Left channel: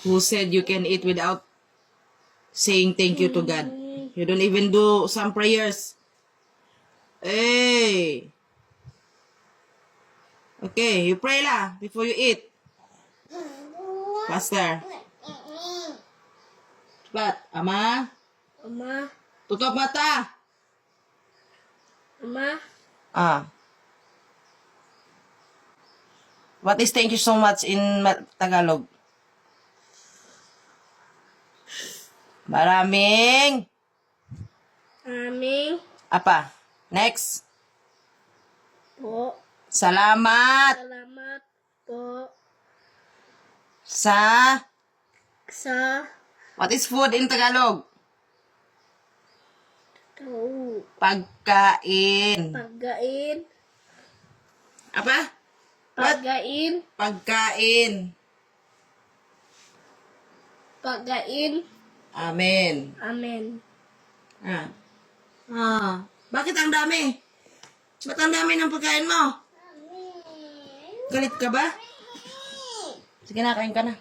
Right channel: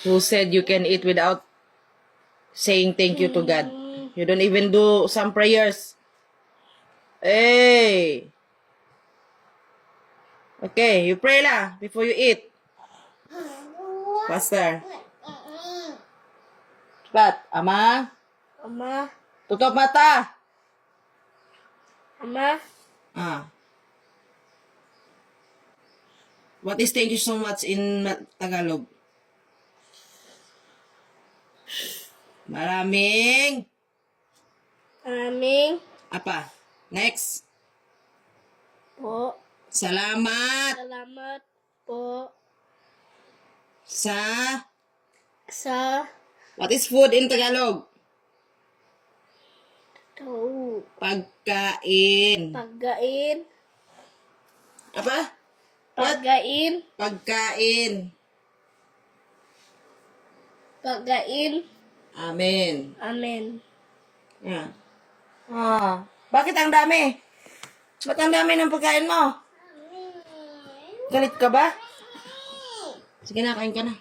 Who said you can eat without saying thank you to God? You don't even do some prayers. Hey. Okay, you pray lah before you eat. Faster. Cepat, Ama. Ama. Tutup mata. Ama. Ah. What is thank you so much in Tagalog? Maraming. Maraming Apa? Next. po. Salamat Salamat po sa... sa What is food in Tagalog? Pagkain. pagkain. Apa? What? Pagkain. Pagkain. Pagkain. Amen. Amen. Bakit ang dami? Ba't ang dami ng pagkain mo? Galit ka ba? Sige na, kain ka na.